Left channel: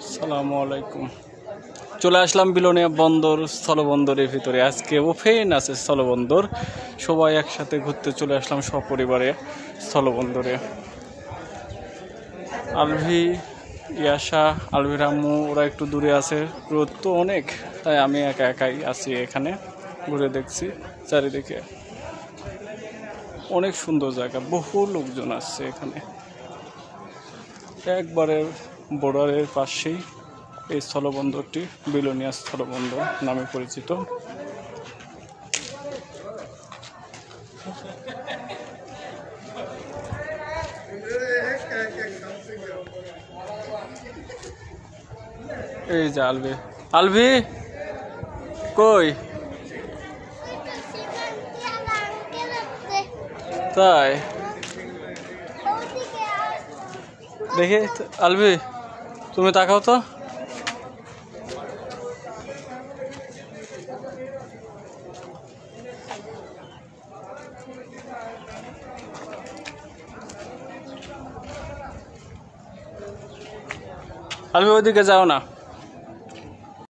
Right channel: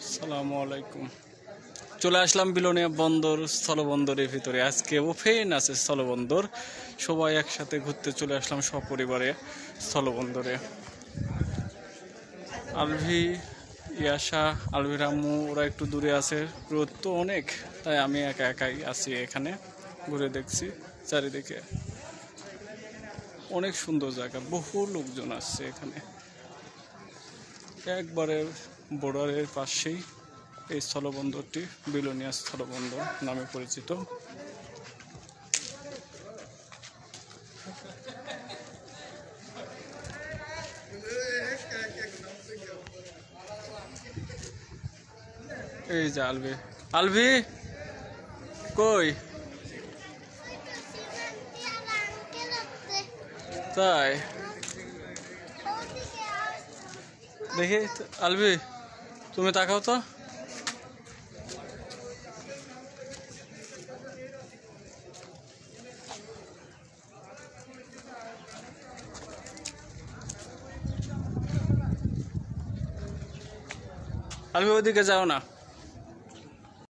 আসসালামু আলাইকুম। চলে আসলাম বিলোনিয়া বন্দর স্থলবন্দরের ভিতরে। আজকে ওপেন আছে স্থলবন্দর, সবাই একসাথে ঘুরতে চলে আসলাম সপরিবারে স্থলবন্দরে। আলভি, ইয়াশা, আলভির আম্মু ওরা একটু দূরে আছে, রোদ তো অনেক, তাই আমি একা একাই আছি এখানে ঘুরে দেখছি। চারিদিকে অনেক সুন্দর জায়গা, বহু লোকজন আসছে এখানে। একবারে বর্ডারের পাশেই এই স্থলবন্দরটি বিলোনিয়া স্থলবন্দর নামে পরিচিত। এই যে আলভি, আলভি কই? তাই দেখে আলভি, তুমি তাকাও তো। আলভি ওইদিকে যাও না।